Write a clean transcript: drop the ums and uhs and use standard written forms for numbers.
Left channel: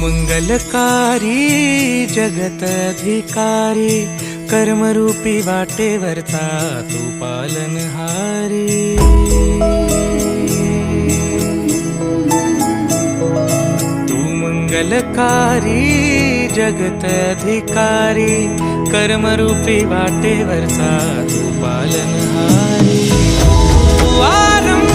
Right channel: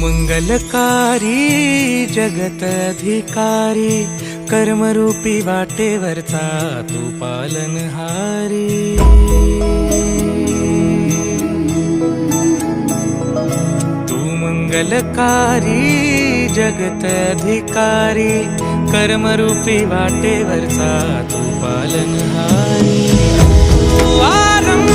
मंगलकारी जगत अधिकारी, कर्मरूपी वाटेवरचा तू पालनहारी। तू मंगलकारी जगत अधिकारी, कर्मरूपी वाटेवरचा तू पालनहारी। तू आरंभ